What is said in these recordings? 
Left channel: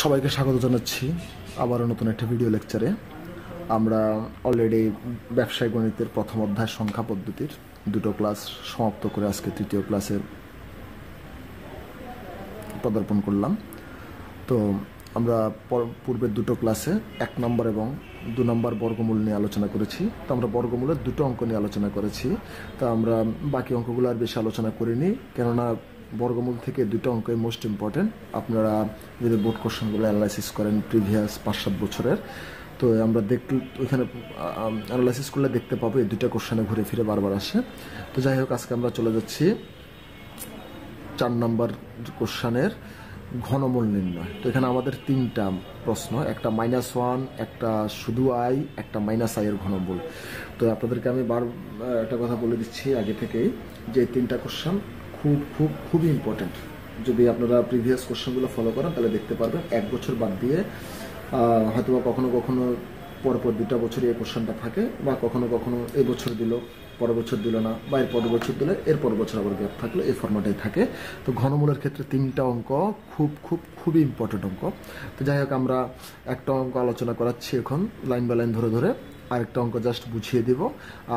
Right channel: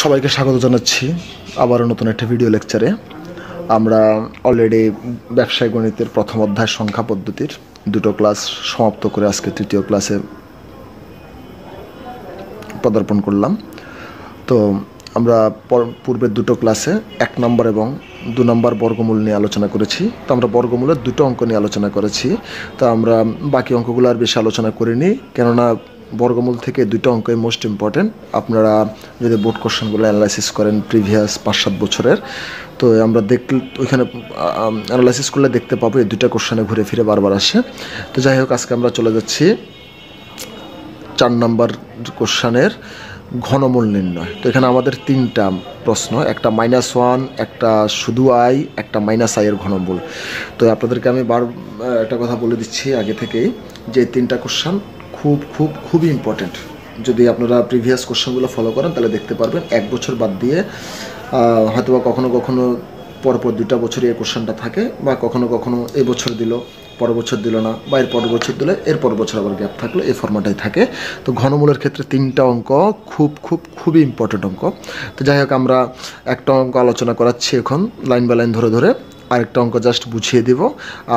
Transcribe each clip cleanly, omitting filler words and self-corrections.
সবাইকে স্বাগত জানাচ্ছি আবারও নতুন একটা ভিডিও লেকচারে। আমরা অলরেডি ব্যবসায় গণিতের প্রথম অধ্যায় সংখ্যা পদ্ধতির দুটো ক্লাস সমাপ্ত করে আজকে তৃতীয় ক্লাসে পদার্পণ করলাম। তো আমরা পূর্বের দুটো ক্লাসে 1 নম্বর এবং 2 নম্বর বর্গমূল নিয়ে আলোচনা করেছি। তো আমরা বর্গমূলের দুটো অঙ্ক নিয়ে আলোচনা করেছি। তো আমরা বাকি অঙ্কগুলো আর বেশি আলোচনা করিনি, কেননা বর্গমূল থেকে দুটো অঙ্কই মোস্ট ইম্পর্টেন্ট। আপনারা যদি বোর্ড কোশ্চেনগুলো অ্যানালাইসিস করেন প্রিভিয়াস 5-7 বছরের, তো আমরা ওইখানে অ্যানালাইসিস করলে দেখতে পাবো এই দুটো কোশ্চেনে ঘুরে ফিরে বারবার আসে। তো যাই হোক, আজকে আমরা চলে যাচ্ছি 4 নম্বর কোশ্চেনের ঘনমূল নির্ণয়। তো এখানে আমাদের 3টা প্রশ্ন, একটা -1, একটা শুধু আই, একটা -i এর ঘনমূল। তো আপনাদেরকে আমি একটা কথা বলে দিচ্ছি আগে থেকেই, যে 3টা কোশ্চেন খুবই ইম্পর্টেন্ট। যদি আপনারা প্রিভিয়াস কোশ্চেনগুলো ফলো করেন তাহলে দেখতে পারবেন 1 বছর বাদ দিয়ে হয়তো বা কখনো পরপর 2টা বছরই এই কোশ্চেনটা থাকে, বা কখনো এই বছর দিল পরের বছর দিল না, বা এর পরের বছর দিলে এর পরের বছর আবার গ্যাপ থাকলো, এই ফর্মাটাই থাকে। তো ঘনমূলের ক্ষেত্রে 3টা অঙ্ক খুবই ইম্পর্টেন্ট অঙ্ক। তো যাই হোক, আমরা একটা অঙ্ক আলোচনা করাচ্ছি এখন লাইন বাই লাইন ধরে, আরেকটা অঙ্ক জাস্ট বুঝিয়ে দিব,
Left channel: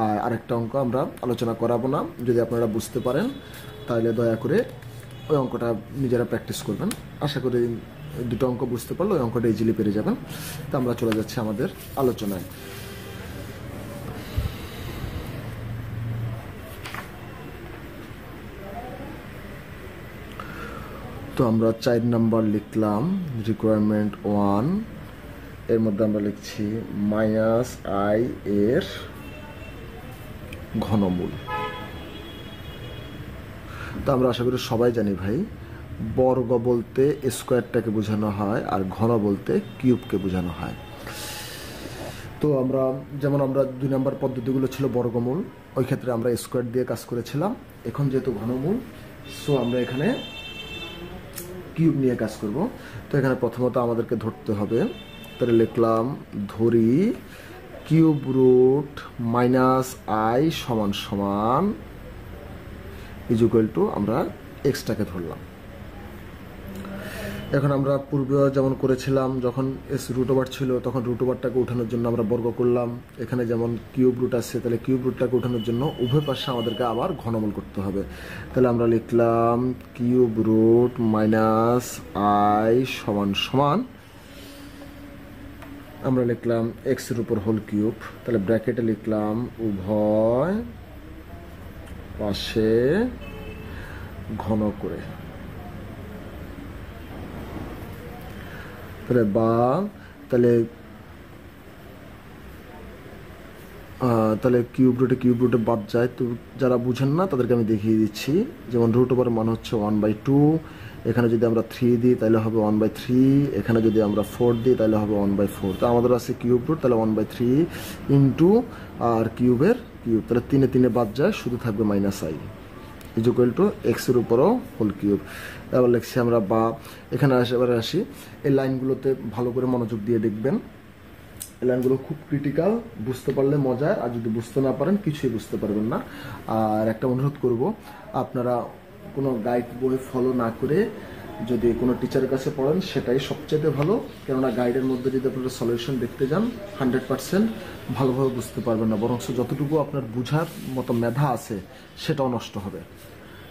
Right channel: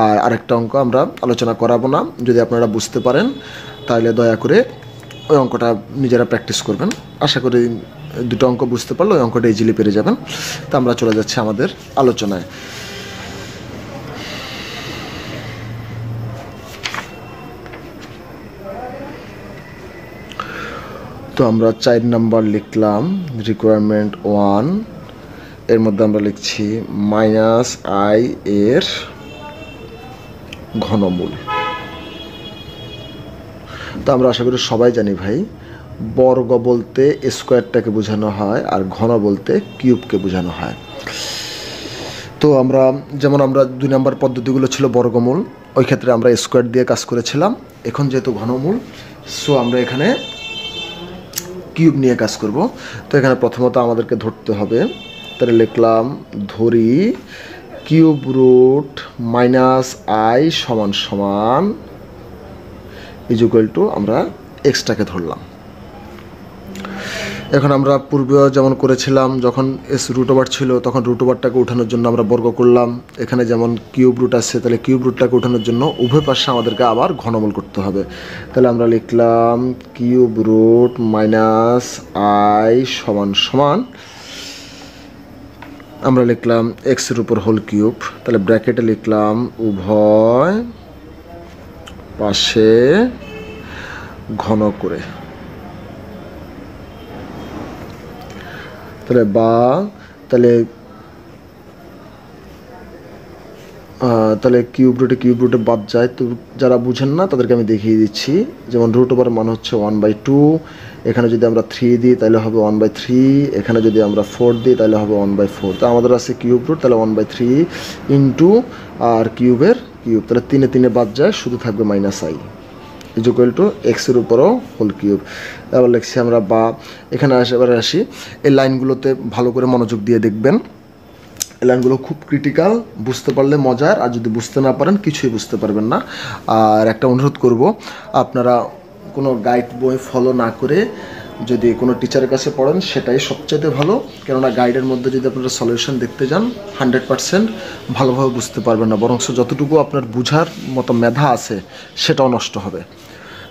আর আরেকটা অঙ্ক আমরা আলোচনা করাবো না। যদি আপনারা বুঝতে পারেন তাহলে দয়া করে ওই অঙ্কটা নিজেরা প্র্যাকটিস করবেন। আশা করি দুটো অঙ্ক বুঝতে পারলে ওই অঙ্কটা ইজিলি পেরে যাবেন। তো আমরা চলে যাচ্ছি আমাদের আলোচনায়। তো আমরা 4 নম্বর লিখলাম রিকোয়ারমেন্ট 1, এর মধ্যে আমরা লিখছি -i এর ঘনমূল। তো আমরা আশা করি সবাই জানি ভাই, বর্গ বলতে স্কোয়ারটাকে বোঝানো হয় আর ঘন বলতে কিউবকে বোঝানো হয়। তো আমরা 2 নম্বর পদ্ধতিগুলো ছিল বর্গমূল, ওই ক্ষেত্রে আমরা স্কোয়ার দিয়ে কাজ করেছিলাম। এখন যেহেতু ঘনমূল, সো আমরা এখানে কিউব নিয়ে কাজ করব। তো এখানে প্রথমত আমাদেরকে ধরতে হবে, তাহলে লিখলাম ধরি কিউব রুট -i সমান ইকুয়াল টু আমরা এক্সটাকে ধরলাম। এখন আমরা পূর্বেও যেমন করেছিলাম, যখন রুট ওভার ছিল তখন রুট ওভারটাকে উঠানোর জন্য আমরা বর্গ করলাম। এখানে যেমন কিউব রুট আছে, তাহলে কিউব রুটটাকে উঠানোর জন্য উভয় পাশে আমাদেরকে আবার ঘনমূল করতে হবে। তাহলে আমরা লিখলাম কিউব রুট -i সমান আমরা লিখলাম এক্সের উপর হোল কিউব। তাহলে ব্র্যাকেটে লিখলাম উভয় পাশে ঘন করে, তাহলে কিউব রুটে বাদ যায়। তো যারা বুঝেন না তাদেরকে আমি দেখিয়ে দিচ্ছি, যেমন রুট ওভার মান হচ্ছে 1/2, এখানে যদি আমরা 3 দিই তাহলে হবে 1/3, এখানে যদি আমরা 4 দিই তাহলে হবে 1/4। তো আমাদের আছে কিউব রুট, তাহলে 1/3 ইন্টু আর কিউবের কিউব, তাহলে 3 বাদ যায়, শুধু থাকবে -i ইকুয়াল টু এক্সের উপরও হোল কিউব। এবার লিখছি আমরা এখানে আসি, এই লাইনগুলোতে ভালো করে মনোযোগ দিয়ে দেখবেন। এই লাইনগুলো খুব ক্রিটিক্যাল, বুঝতে পারলে মজার, আর যদি বুঝতে না পারেন কিছুই বুঝতে পারবেন না। আর একটা অনুরোধ করব, আপনারা কোনো গাইড বই ফলো না করে যদি কোনো টিচারের কাছে পড়েন সেটাই সবচেয়ে ভালো, কেননা গাইডের মধ্যে যদি আপনারা সলিউশন দেখতে যান 100% ভালোভাবে বুঝতে পারবেন না, বরং যতটুকু আপনার বুঝার মতো মেধা আছে সেটাও নষ্ট হবে।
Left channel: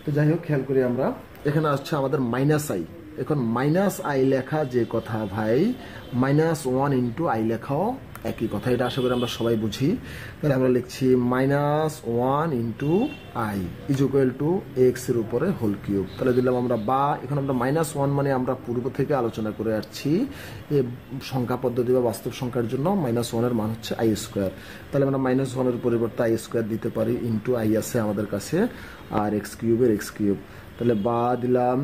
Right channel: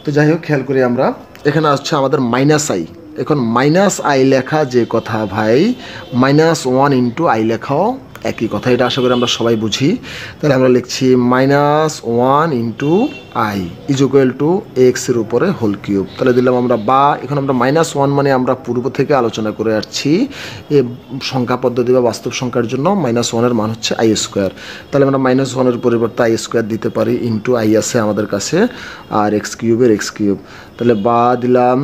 তো যাই হোক, খেয়াল করি আমরা, এখানে আসছে আমাদের -i। এখন -i লেখা যে কথা ভাই, -1 ইন্টু i লেখাও একই কথা, এটা আশা করি আমরা সবাই বুঝি। তাহলে আমরা লিখছি -1 ইন্টু i ইকুয়াল টু এক্সের উপরে হোল কিউব। তাহলে দিলাম আমরা এখন আমরা -1 মানে আমরা পূর্ব থেকে আলোচনা করে আসছি, এ সংখ্যা পদ্ধতি বা বাস্তব সংখ্যার জন্য -1 এর মান হচ্ছে i²। তাহলে আমরা -1 এর পরিবর্তে i² দিতে পারি, ইন্টু i আছে আমাদের কাছে, আর x কিউবের x কিউব। তাহলে দিলাম,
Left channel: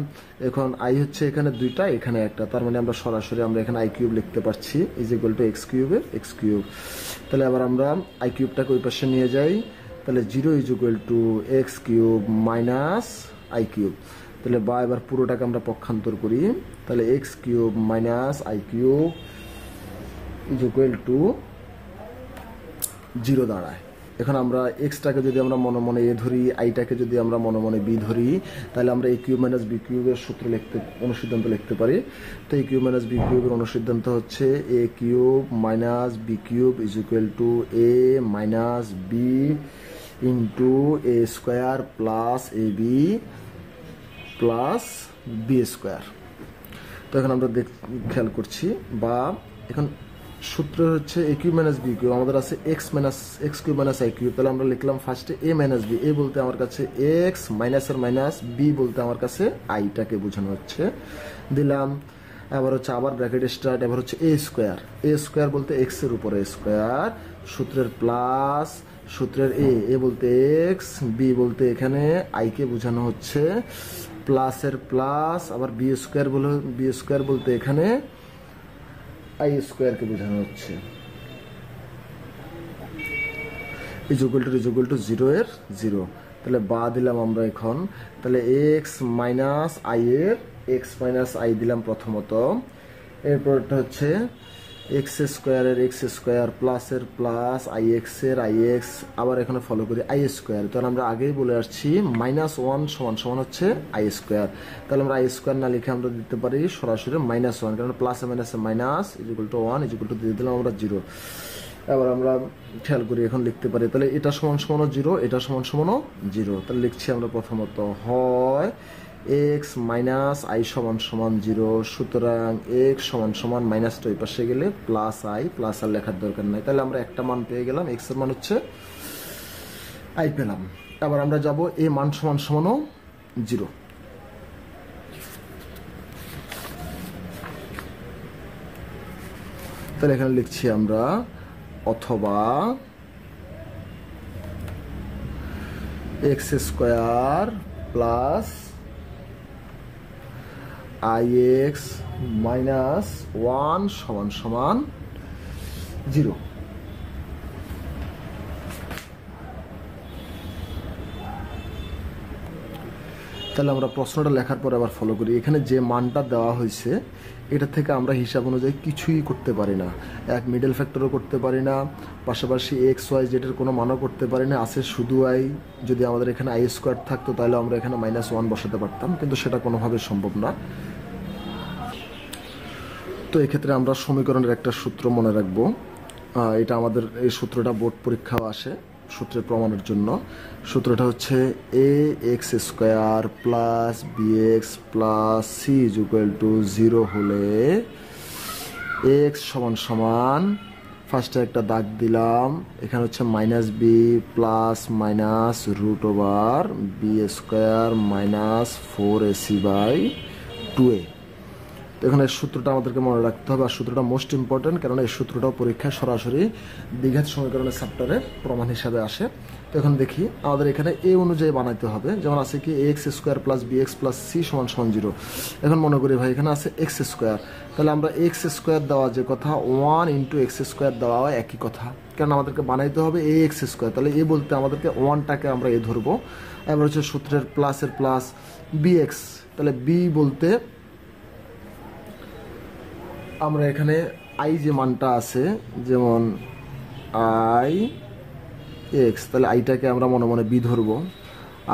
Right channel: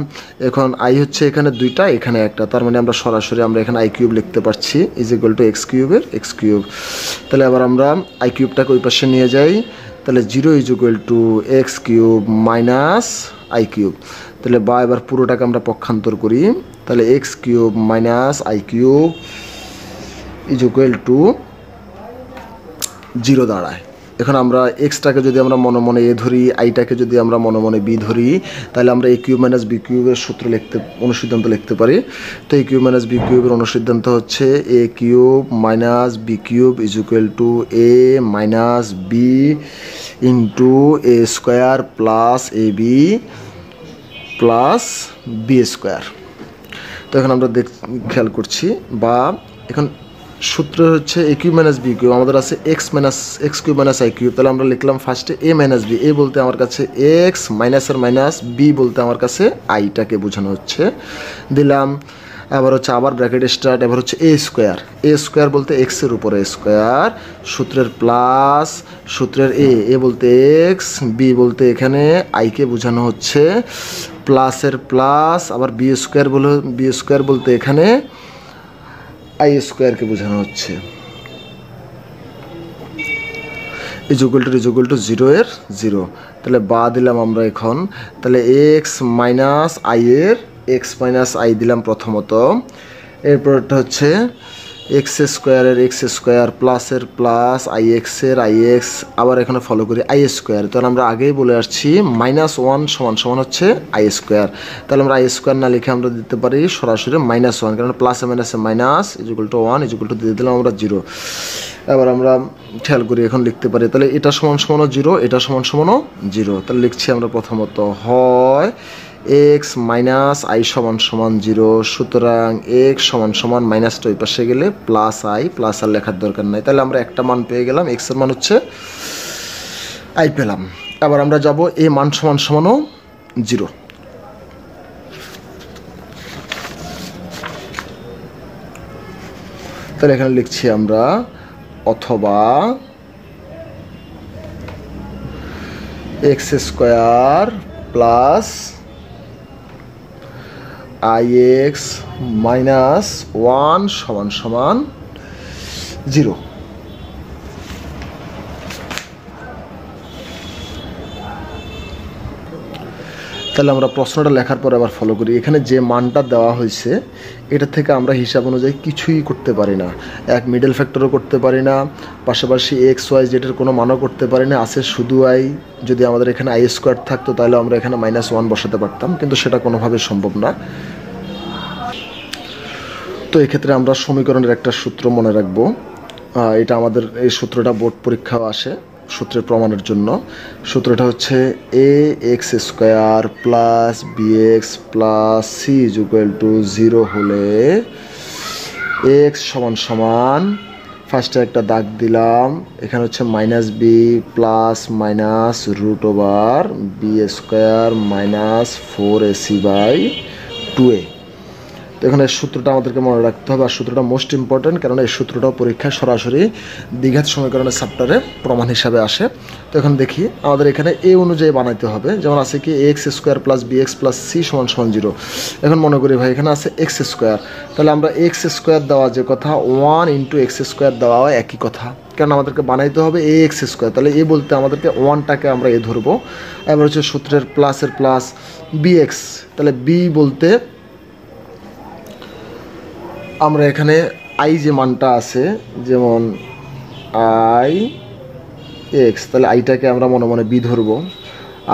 এখন i হচ্ছে এখানে 2টা, এখানে একটা, তার মানে আমরা সরাসরি এখানে i কিউব লিখতে পারছি ইকুয়াল টু x কিউবের x কিউব। তাহলে আবার আমরা i কিউবটাকে ওই পাশে নিয়ে যাই, তাহলে 0 equal to x cube -i cube. তাহলে এবার পুরোটাকে আমরা পক্ষান্তর করি, তাহলে x cube -i cube equal to 0 দাঁড়ায়। এখন আমরা এক্সটাকে যদি আমরা মনে মনে এ ধরি, আইটাকে যদি আমরা মনে মনে বি ধরি, তাহলে আমরা এ কিউব মাইনাস বি কিউবের সূত্র অনুসিদ্ধান্ত লিখতে পারি। তো এ কিউব মাইনাস বি কিউবের অনুসিদ্ধান্ত হচ্ছে A cube minus B cube is equal to A minus B into A square plus A B plus B square. তো এখন আমরা খেয়াল করছি, বা এখন সূত্র হচ্ছে A cube minus B cube, আমাদের আছে X cube minus I cube. তাহলে আমরা লিখলাম ফার্স্টে এ মাইনাস বি, এ বলতে আমার কাছে এক্স, মাইনাসের মাইনাস, বি বলতে আমার কাছে আইটাকে বোঝানো হচ্ছে, দিলাম। আবার হচ্ছে আবার ব্র্যাকেট স্টার্ট, এবার হচ্ছে এ স্কোয়ার বলতে এক্সের উপরে স্কোয়ার, সূত্রের প্লাস, সূত্রের এ বলতে এক্স, বি বলতে এখানে আইকে বোঝানো হচ্ছে প্লাসের প্লাস, আবার বি স্কোয়ার বলতে এখানে আই স্কোয়ারকে বোঝানো হচ্ছে, ইজুকুয়াল টু 0 এর 0। তাহলে বা দিলাম আমরা এখন, তাহলে এক্স মাইনাস আই এর এক্স মাইনাস আই দিলাম প্রথমত, এরপরটা হচ্ছে এক্স স্কোয়ার প্লাসের প্লাস আই এক্সের আই এক্স, আবার এখানে ফলো করি আই স্কোয়ার। তাহলে আমরা আগেই বলে আসছি -1 সমান হচ্ছে আই স্কোয়ার। তাহলে আমরা আই স্কোয়ার না লিখে আমরা দিতে পারি সরাসরি -1, কারণ প্লাসে মাইনাসে মাইনাস ইজুকুয়াল টু 1 ইজুকুয়াল টু দিয়ে দিলাম আমরা 0। এবার আমরা খেয়াল করি এখন লিখতে পারি, তাহলে এটা সমান 0, এটা সমান 0। তাহলে লিখছি আমরা প্রথমত হয় এক্স মাইনাস আই সমান 0, সুতরাং এক্স সমান মাইনাসটা ওই পাশে গেলে প্লাস আর লেখার দরকার নাই। তাহলে আমরা একটা মান পেয়ে গেলাম, এক্সের মান হচ্ছে আই পেলাম। আবার আমরা যাব এ মান সমান 0। তাহলে এখানে লিখছি আমরা অথবা x square plus I x minus 1 সমান 0। তাহলে আমরা প্রশ্নটা লেখার পর আবার ফলো করি, এখানে যে মানটা দেওয়া হয়েছে এটা থেকে আমরা হিসাব অনুযায়ী কিছুই করতে পারি না, এক মিডল ফ্যাক্টরও করতে পারি না, পাশাপাশি এক্স ওয়াই জেডের কোনো মানও করতে পারি না, আছে শুধু আই। যদি আমাদের এখানে আই স্কোয়ার থাকতো তাহলে আমরা এখানে -1 বসাতে পারতাম, কিন্তু সেটা কোনোভাবে সম্ভব না। তো এক্ষেত্রে আমরা সমীকরণের একটা সূত্র মনে রাখবো, এটা আমাদের এই সূত্রটা বোর্ড পরীক্ষাও আসে সূত্রের প্রমাণের জন্য। সূত্রটা হচ্ছে A X square plus B X plus C is equal to 0 হলে এক্স সমান ফার্স্টে একটা দাগ দিলাম, এখানে হচ্ছে -b plus minus √ B square minus 4ac/2a। তো এখানে সূত্রটা আমাদেরকে মনে রাখতে হবে, আর সূত্রটা মোস্ট ইম্পর্টেন্ট, কারণ এই সূত্রটাও পরীক্ষায় সরাসরি দ্বিঘাত সমীকরণের চ্যাপ্টারে প্রমাণ হিসাবে আসে। তো এখন দেখি আমাদের এখানে এ অনুযায়ী বানাইতে হবে, যেমন আছে কি X square plus B X plus C সমান 0। এখন মনে করি ভাই এখানে আছে এক্স স্কোয়ার, তাহলে আমরা এক্স স্কোয়ার দেওয়া যে কথা 1 × এক্স স্কোয়ার দেওয়া একই কথা, কারণ আমাদেরকে বানাইতে হবে এ এক্স স্কোয়ার। তাহলে এ বলতে আমাদেরকে 1টাকে আমরা এ ধরবো। এবার হচ্ছে সূত্রের প্লাসের প্লাস বি এক্স, তাহলে বি বলতে আমরা এখানে আই যে মানটা আছে, যেমন আই এক্স, তাহলে আইটাকে আমরা মনে মনে বি ধরবো।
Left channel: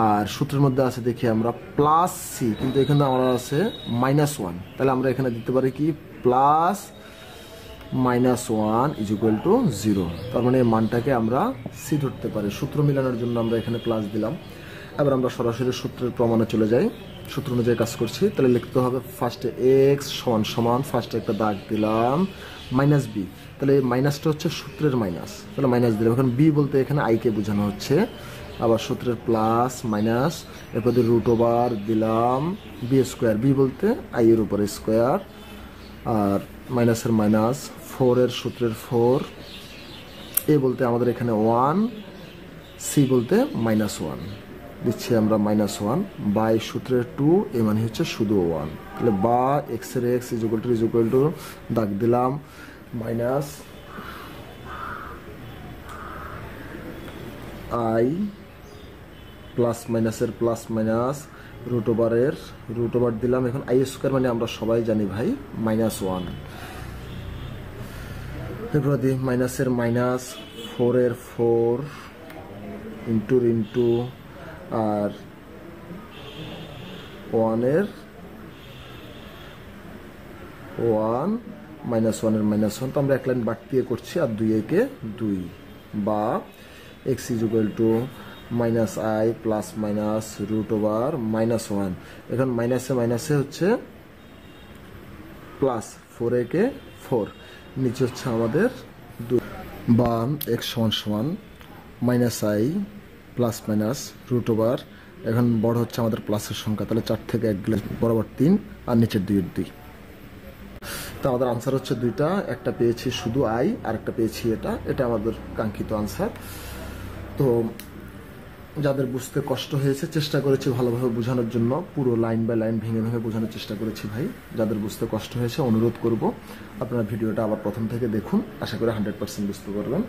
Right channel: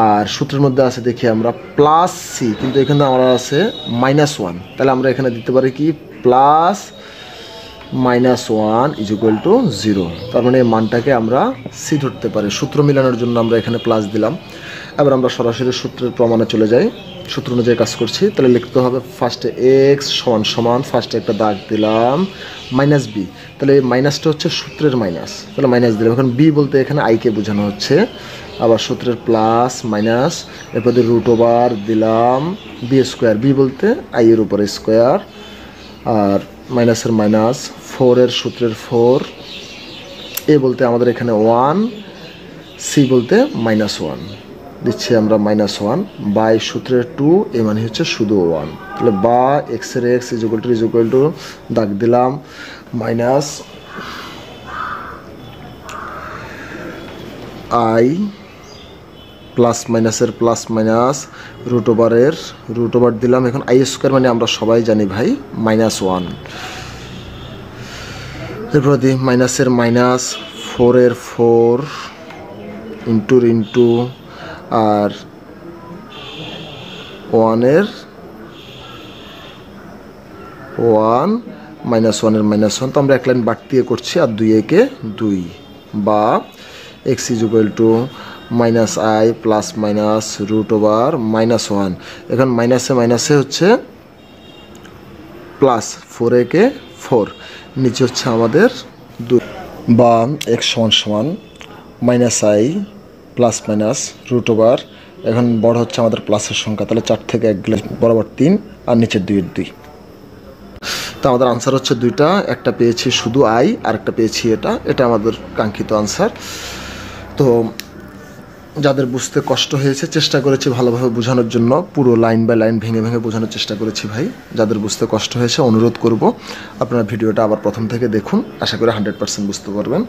আর সূত্রের মধ্যে আছে দেখি আমরা প্লাস সি, কিন্তু এখানে আমরা আছে -1, তাহলে আমরা এখানে দিতে পারি কি প্লাস -1 ইজ ইকুয়াল টু 0। তার মানে এই মানটাকে আমরা সি ধরতে পারি। সূত্র মিলানোর জন্য আমরা এখানে প্লাস দিলাম। এবার আমরা সরাসরি সূত্রের প্রমাণে চলে যাই, সূত্র অনুযায়ী কাজ করছি। তাহলে লিখতে হবে ফার্স্টে এক্স সমান ফার্স্টে একটা দাগ দিলাম -b, তাহলে এই মাইনাসটা হচ্ছে সূত্রের মাইনাস, তাহলে মাইনাস দিলাম। এখন বি বলতে এখানে আইকে বোঝানো হচ্ছে, আবার সূত্রের প্লাস মাইনাস, এরপর √ দিলাম বি স্কোয়ার, বি বলতে আই এর উপরে স্কোয়ার, আর মাইনাসের মাইনাস 4 এর সূত্রের 4, এ বলতে আমাদের এখানে 1, সি বলতে -1 দিচ্ছি আমরা -1 বাই সূত্রের 2, এ মানে হচ্ছে শুধু 1। তাহলে বা এক্স এর এক্স ইজ ইকুয়াল টু দাগ দিলাম মাইনাস আই প্লাস মাইনাসের প্লাস মাইনাস √ দিলাম। এখন আই স্কোয়ার মানে আমরা সবাই জানি ভাই -1, এরপর দিই মাইনাসের মাইনাস 4 এর 4 ইন্টু আর 1 মাইনাস 1 তো আমরা এক লাইন বাড়তি দিয়ে করছি, আর 2 একে 2, বা x is equal to minus I plus minus root over -1। এখন মাইনাসে হচ্ছে প্লাস, 4 একে 4, নিচে হচ্ছে আমাদের 2, বা x সমান minus I plus minus root over, এখন বড় হচ্ছে আমাদের প্লাসের সংখ্যা, তাহলে 4 থেকে 1 গেলে বরাবর 3, আর নিচের 2 এর 2। তো আমাদের আনসার হচ্ছে 2টা, একটা পেয়েছি শুধু আই, আর একটা পেয়েছি এটা আমাদের কাঙ্ক্ষিত আনসার। তো যাদের বুঝতে কষ্ট হয়েছে, চেষ্টা করেছি ভালোভাবে বোঝানোর জন্য, পুরো লাইন বাই লাইন ভেঙে বোঝানোর চেষ্টা করেছি ভাই। যাদের বুঝতে কষ্ট হয়েছে অনুরোধ করব আপনারা ভিডিওটা আবার প্রথম থেকে দেখুন, আশা করি 100% বুঝতে পারবেন।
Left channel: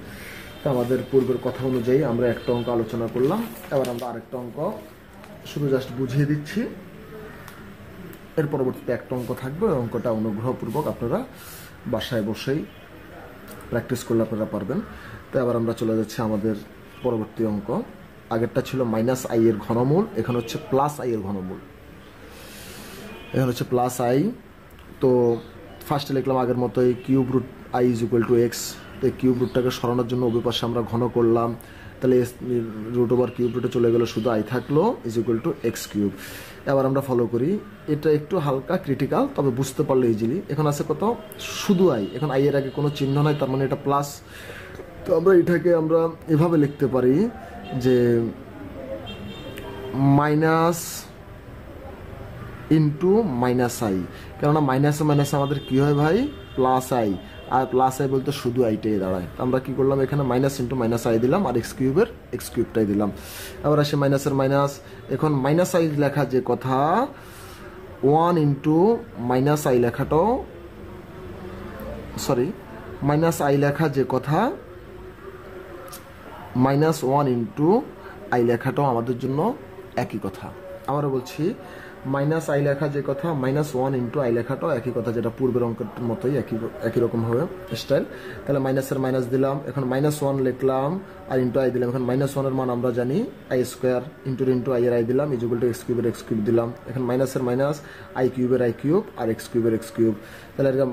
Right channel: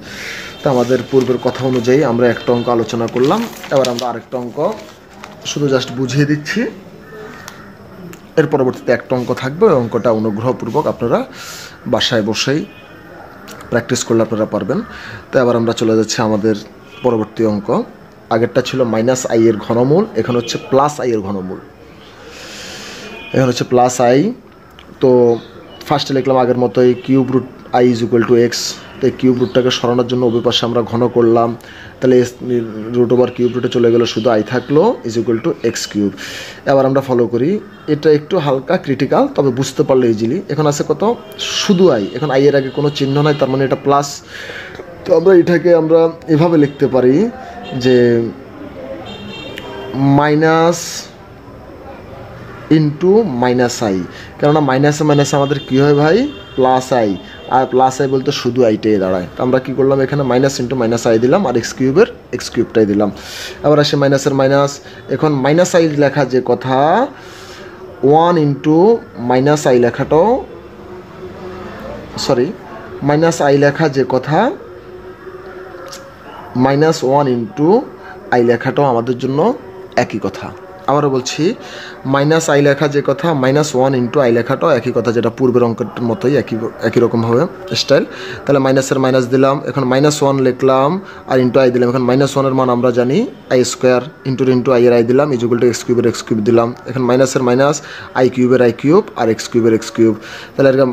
তো আমাদের পূর্বের কথা অনুযায়ী আমরা একটা অঙ্ক আলোচনা করলাম, এবার আমরা আরেকটা অঙ্ক শুধু জাস্ট বুঝিয়ে দিচ্ছি, এর পরবর্তীতে একটা অঙ্ক থাকবে। ওই অঙ্কটা অনুগ্রহপূর্বক আপনারা বাসায় বসেই প্র্যাকটিস করলে আপনারা পারবেন। তো এবার আমরা চলে যাচ্ছি আমাদের পরবর্তী অঙ্ক। আগেরটা ছিল মাইনাস আই এর ঘনমূল, এখন হচ্ছে প্লাস আই এর ঘনমূল। এখন হচ্ছে প্লাস আই। তো ফার্স্টে লিখলাম আগের মতোই cube root I is equal to X. তো এই কিউব রুটটাকে সরানোর জন্য উভয় পাশে আমরা ঘন করলাম, তাহলে রুট ওভার কিউব রুটে চলে গেল, শুধু আই থাকলো is equal to X cube. এবার আমরা ফলো করি, এটা একটু হালকা ক্রিটিক্যাল, তবে বুঝতে পারলে ইজিলি। এখন আছে কত, শুধু আই, এখন আই এর আগে কোনো চিহ্ন নাই, তার মানে এটা প্লাস। তো আমরা এটাকে আমরা এভাবে লিখতে পারি যে মাইনাস ইন্টু মাইনাস আই, কেননা মাইনাসে আমাদের কী হয় ভাই, প্লাস আই, আর প্লাস আই বলতে শুধু আইটাই দাঁড়ায়। তো আমরা কী করলাম, এখানে মাইনাস ইন্টু মাইনাস আই দিলাম, আর এক্স কিউবটাই দিলাম। আবার আসে মাইনাসের মাইনাস, এখন মাইনাস আই লেখা যে কথা, 1 ইন্টু মাইনাস আই লেখাটাও, সরি মাইনাস আই লেখা যে কথা, -1 ইন্টু আই লেখাটাও আমাদের জন্য একই কথা। আবারও বলছি, মাইনাস আই লেখা যে কথা, -1 ইন্টু আই লেখাটাও একই কথা, যেটা পূর্বের অঙ্কটার মতোই একই রকমভাবে স্টাইল। তাহলে মাইনাসের মাইনাস দিলাম, এখন -1 লিখলাম, আর ইন্টু আই দিলাম। এখন -1 এর মান আমরা জানি আই স্কোয়ার, ইন্টু আই এর আই দিলাম, is equal to X cube দিলাম। এখন মাইনাসের মাইনাস, আই কিউবের আই কিউব, আর এক্স কিউব। তাহলে এরকম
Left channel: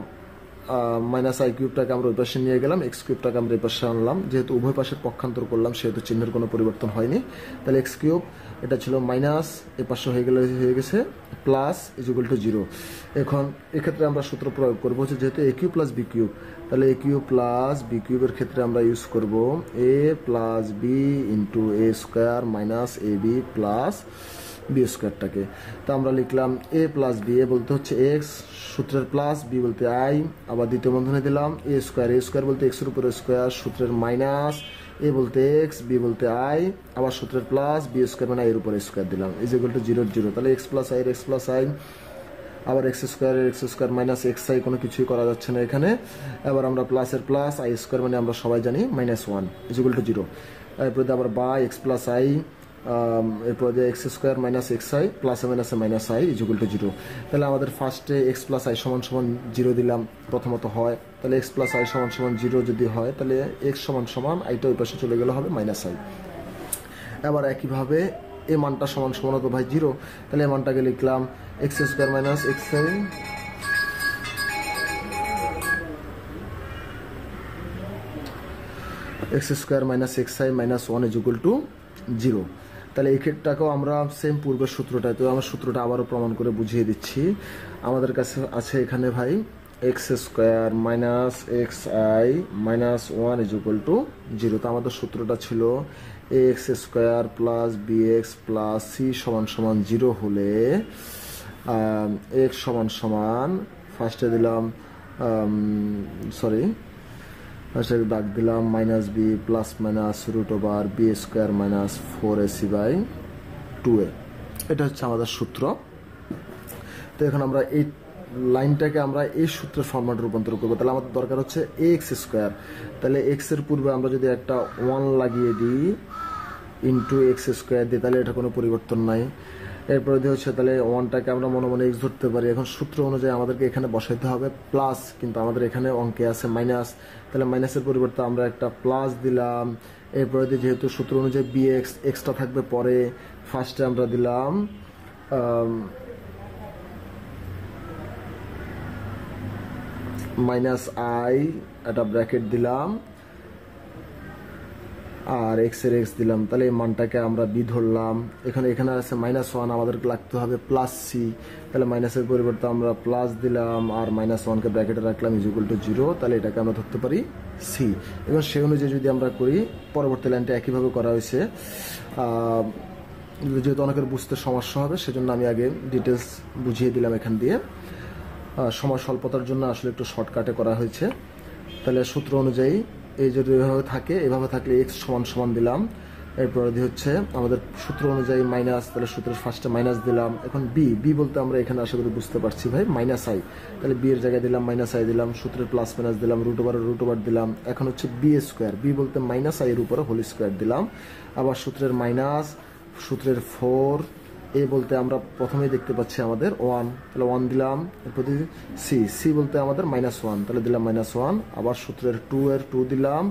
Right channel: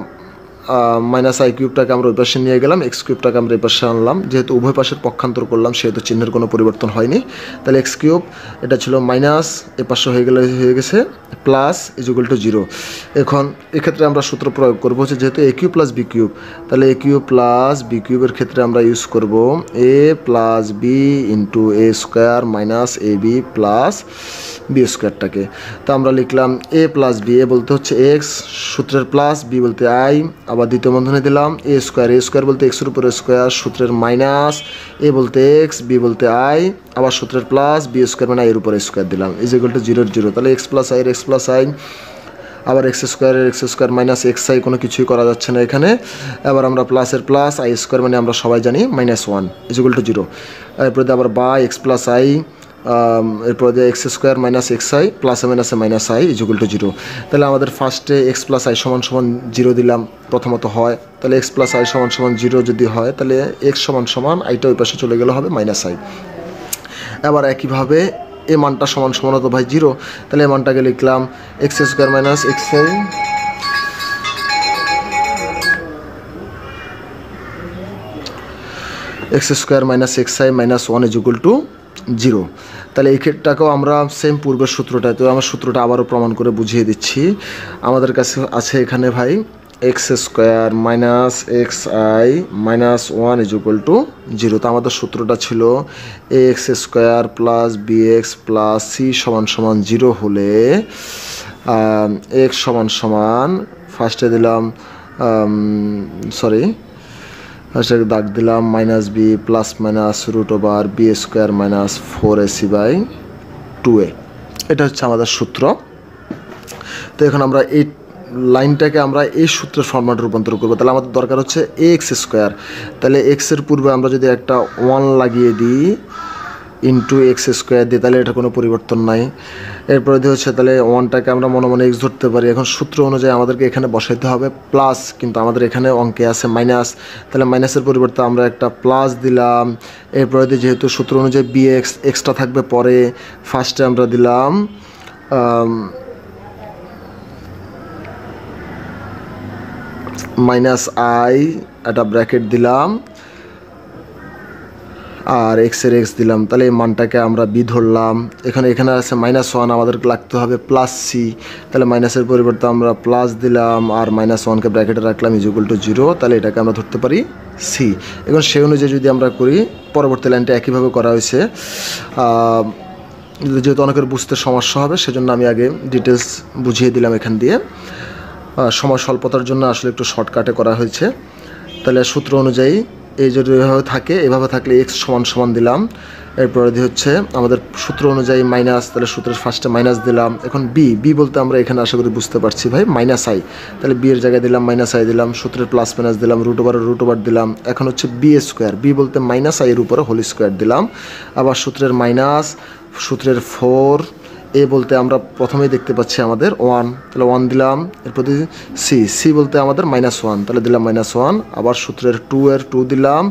মাইনাস আই কিউবটাকে আমরা ওই পাশে নিয়ে গেলাম, এক্স কিউবটাকে আমরা এই পাশে আনলাম। যেহেতু উভয় পাশের পক্ষান্তর করলাম, সেহেতু চিহ্নের কোনো পরিবর্তন হয়নি। তাহলে এক্স কিউব, এটা ছিল মাইনাস, এ পাশে হয়ে গেছে প্লাস, ইজ ইকুয়াল টু 0। এখন এক্ষেত্রে আমরা সূত্র প্রয়োগ করবো, যেহেতু এ কিউব প্লাস বি কিউব, তাহলে এ কিউব প্লাস বি কিউবের ক্ষেত্রে আমরা ইউজ করব এ plus B into A square minus A B plus B স্কোয়ারটাকে। তো আমরা লিখলাম এ প্লাস বি, এ বলতে হচ্ছে এক্স, সূত্রের প্লাস, বি বলতে আই, আবার দ্বিতীয় বন্ধনে দিলাম এ স্কোয়ার বলতে এক্সের উপরে স্কোয়ার, সূত্রের মাইনাস, এ বলতে এক্স, বি বলতে আই, আবার সূত্রের প্লাস, বি স্কোয়ার মানে এর উপরে স্কোয়ার দিলাম, ইজ ইকুয়াল টু 0 তাহলে এক্স প্লাস আই, আবার x square minus X I, কোনো কিছুই করা যাচ্ছে না এখানে। এবার আমরা প্লাসের প্লাস, আই স্কোয়ার মানে আমরা সবাই জানি -1 ইজ ইকুয়াল টু 0। এরপরে আবার বা এক্স প্লাস আই, এরপর x square minus X I প্লাসে মাইনাসে minus I is equal to 0। তাহলে আমাদের ফার্স্টে এক্স প্লাস আই সমান 0 দিলাম, প্রথমত হয়। তাহলে এক্স প্লাস আই সমান 0 যদি হয়, তাহলে এক্স সমান আইটা ওই পাশে চলে গেলে হবে মাইনাস আই। এবার একইভাবে এ মানটা সমান হতো ভাই 0, তাহলে এ মানটাকে লিখলাম x square minus X I, x square minus X I -1 is equal to 0। তাহলে এই ক্ষেত্রটাকেও আমরা সেম পূর্বের সূত্রটায়, তো আমার সূত্রটা আবারও প্রমাণ করে বুঝিয়ে দিচ্ছি। আমাদের কাছে আছে এখানে ভাই X square minus X I -1 is equal to 0। তো আমাদের সূত্রটা ছিল A X square plus B X plus C সমান 0 হলে এক্স সমান ফার্স্টে দিলাম ফার্স্টে দাগ দিলাম minus B plus minus root over B square minus 4ac by 2a, এটা হচ্ছে আমাদের সূত্র। তো এখন আমরা এই লাইনটাকে আমরা এই সূত্রের ফরম্যাটে রূপান্তর করবো। তাহলে আমাদের দরকার হচ্ছে এ এক্স স্কোয়ার, তাহলে এক্সের পূর্বে আমরা যদি একটা 1 লাগিয়ে দিই ইন্টু এক্স স্কোয়ার দিই, তাহলে এটা কোনো পরিবর্তন নাই। এরপরে হচ্ছে তাহলে ওয়ানটাকে আমরা মনে মনে এক্স ধরতে পারি। এখন সূত্র অনুযায়ী আমাদেরকে এখানে বসাইতে হবে প্লাস, কিন্তু আমাদের এখানে অঙ্কে আছে মাইনাস, তাহলে মাইনাসের পরিবর্তে আমরা একটা প্লাস দিলাম। এরপরে যেহেতু সূত্র অনুযায়ী বি এক্সটা থাকবে পরে, ফার্স্টে আমরা দিলাম মাইনাস আই, একটা ব্র্যাকেট দিলাম আর এক্সের এক্স দিলাম। তাহলে এই মানটাকে আমরা বি ধরলাম। এখানে আছে -1, আমাদেরকে লাগতে হবে প্লাস সি, তাহলে মাইনাসের পরিবর্তে আমরা প্লাস দিলাম আর -1কে ব্র্যাকেটে রাখলাম =0, তাহলে এটাকে আমরা ধরতে পারি সি। এখন সেই অনুযায়ী যদি আমরা করি, পরবর্তী লাইনটা একইভাবে করা হয়েছে। যেহেতু অনেকের বুঝতে সমস্যা হবে সেজন্য আমি আগে ডিটেলস বুঝিয়ে দিলাম এখান দিয়ে, সময় স্বল্পতার জন্য আসলে একটু শর্টকাটে করা হয়েছে। তাহলে সূত্র অনুযায়ী এই যদি এভাবে থাকে, এভাবে থাকলে এক্স সমান দিলাম। এরপরে হচ্ছে আমাদের সূত্র অনুযায়ী মাইনাস, তাহলে সূত্রের ফার্স্টে মাইনাস দিলাম। এখন বি বলতে আমরা এখানে আশা করি বুঝতে পারছি ভাই, -i, তাহলে বি এর জায়গায় দিলাম -i দিলাম, সূত্রের প্লাস মাইনাস দিলাম, √/√, দিলাম। এখন হচ্ছে বি স্কোয়ার, বি বলতে -i এর উপরে হোল স্কোয়ার দিলাম। আবার সূত্রের মাইনাস, সূত্রের 4, এ বলতে আমরা প্রথমেই দেখতে পাচ্ছি আমাদের 1, তাহলে 1 দিলাম। এরপর সি বলতে আমাদের -1, তাহলে দিলাম -1। আবার সূত্রের 2 দিলাম।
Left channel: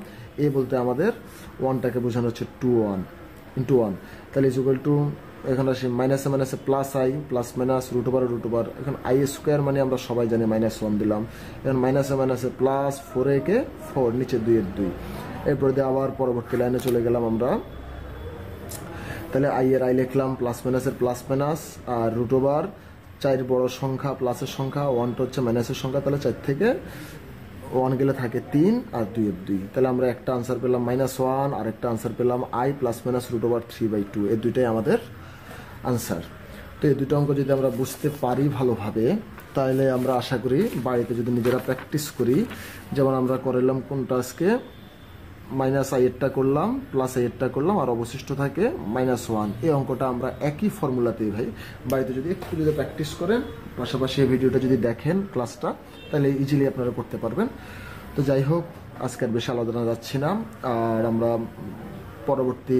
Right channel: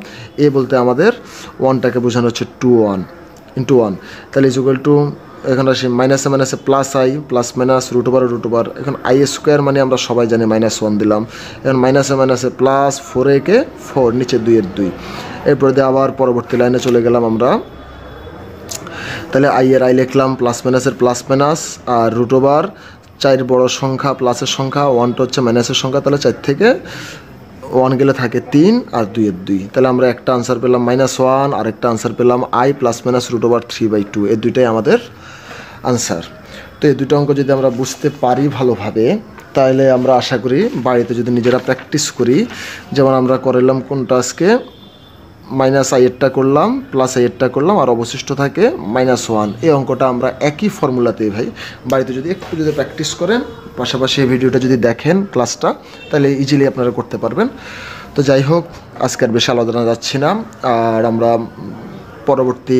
এ বলতে আমাদের 1টাকে বোঝানো হচ্ছে 2 1, তাহলে এখানে আসি মাইনাসে প্লাস আই, প্লাস মাইনাস √/√। এখন আই স্কোয়ার মানে আমরা সবাই জানি -1 দিলাম। এখন মাইনাসে প্লাস 4a 4, নিচে 2 এরপর দিয়ে আবার পরবর্তী লাইনে চলে গেলাম আমরা। তাহলে আই এর আই লিখলাম, প্লাস মাইনাসের প্লাস মাইনাস আর √, 4 বড় সংখ্যা প্লাসের সংখ্যা, 1টা হচ্ছে মাইনাসের সংখ্যা, তাহলে 4 থেকে 1 গেলে থাকে 3 আর 2 তাহলে আমরা একটা আনসার পেলাম -1 আর একটা আনসার পেলাম আই প্লাস মাইনাস √3/2, এই দুইটাই আমাদের আনসার। তো এই দুটো অঙ্ক যদি আমরা বুঝতে পারি ভালোভাবে, তাহলে আমরা আশা করি বাড়িতে যদি নিজেরা প্র্যাকটিস করি, যেমন আমরা করলাম কোনটা আজকে -i করলাম, +i করলাম আর অবশিষ্ট থাকে -1, এই অঙ্কটা আমরা একই ফর্মুলাতেই ভাই বাড়িতে যদি একটু প্র্যাকটিস করেন, পাশাপাশি এই ভিডিওটা যদি দেখেন ক্লাসটা, তাহলে ইজিলি আপনারা করতে পারবেন। তো যাই হোক, আজকে আর বেশি আলোচনা যাচ্ছি না, আর আমরা পরবর্তী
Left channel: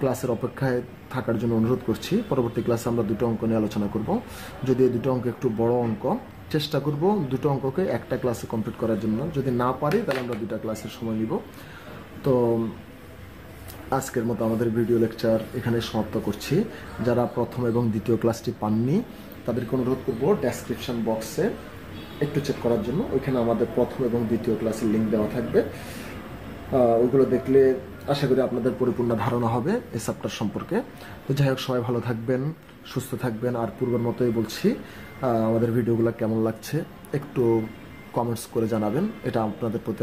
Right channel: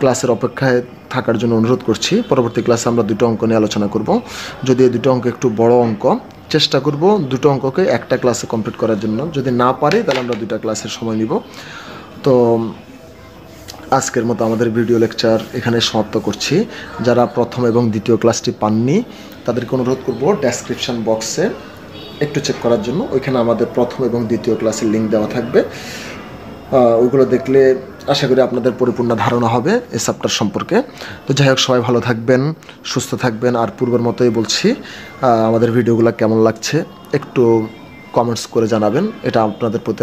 ক্লাসের অপেক্ষায় থাকার জন্য অনুরোধ করছি। পরবর্তী ক্লাসে আমরা দুটো অঙ্ক নিয়ে আলোচনা করব। যদি এই দুটো অঙ্ক একটু বড় অঙ্ক, চেষ্টা করব দুটো অঙ্ককে একটা ক্লাসে কমপ্লিট করার জন্য। যদি না পারি তাহলে আমরা দুটো ক্লাসের সময় নিব। তো আজকের মতো আমাদের ভিডিও লেকচার এখানে সমাপ্ত করছি। যারা প্রথম এবং দ্বিতীয় ক্লাসটি পাননি তাদেরকে অনুরোধ করব ডেসক্রিপশন বক্সে একটু চেক করার জন্য, ওইখানে আমাদের প্রথম এবং দ্বিতীয় ক্লাসের লিঙ্ক দেওয়া থাকবে। ওইগুলো দেখলে আশা করি আপনাদের পরিপূর্ণ ধারণা হবে এই চ্যাপ্টার সম্পর্কে। তো যাই হোক, সবাই ভালো থাকবেন, সুস্থ থাকবেন। আর পূর্বের মতোই বলছি, আমাদের ভিডিওগুলো কেমন লাগছে একটু কমেন্টস করে জানাবেন, এটা আপনাদের প্রতি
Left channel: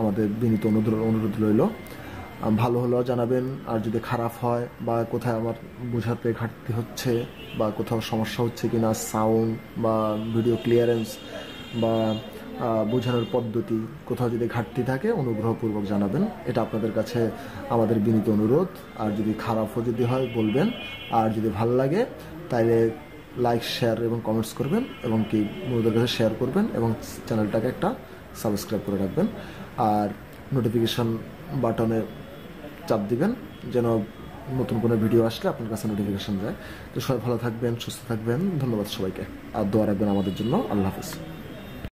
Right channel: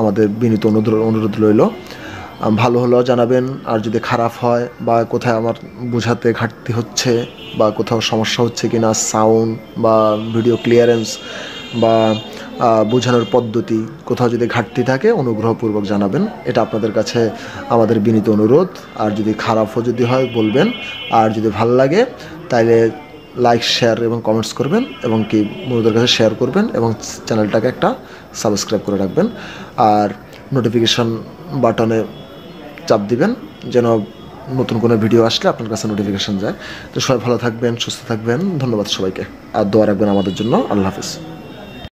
আমাদের বিনীত অনুরোধ রইল। ভালো হলেও জানাবেন, আর যদি খারাপ হয় বা কোথায় আমার বোঝাতে ঘাটতি হচ্ছে বা কোথাও সমস্যা হচ্ছে কিনা, সাউন্ড বা ভিডিও ক্লিয়ারেন্স বা বোঝানোর পদ্ধতি কোথাও যদি ঘাটতি থাকে অনুগ্রহপূর্বক জানাবেন, এটা আপনাদের কাছে আমাদের বিনীত অনুরোধ। আর যদি খারাপও যদি হয় বলবেন, আর যদি ভালো লাগে তাহলে লাইক, শেয়ার এবং কমেন্টস করবেন, এবং কি বন্ধুদের কাছে শেয়ার করবেন, এবং চ্যানেলটাকে একটা সাবস্ক্রাইব করে রাখবেন, আর নোটিফিকেশন বাটনে চাপ দিবেন যেন নতুন কোনো ভিডিও আসলে আপনার কাছে নোটিফিকেশন যায়। তো সবাই ভালো থাকবেন, সুস্থ থাকবেন, ধন্যবাদ সবাইকে, আর দোয়া রাখবেন আমাদের জন্য। আল্লাহ হাফেজ।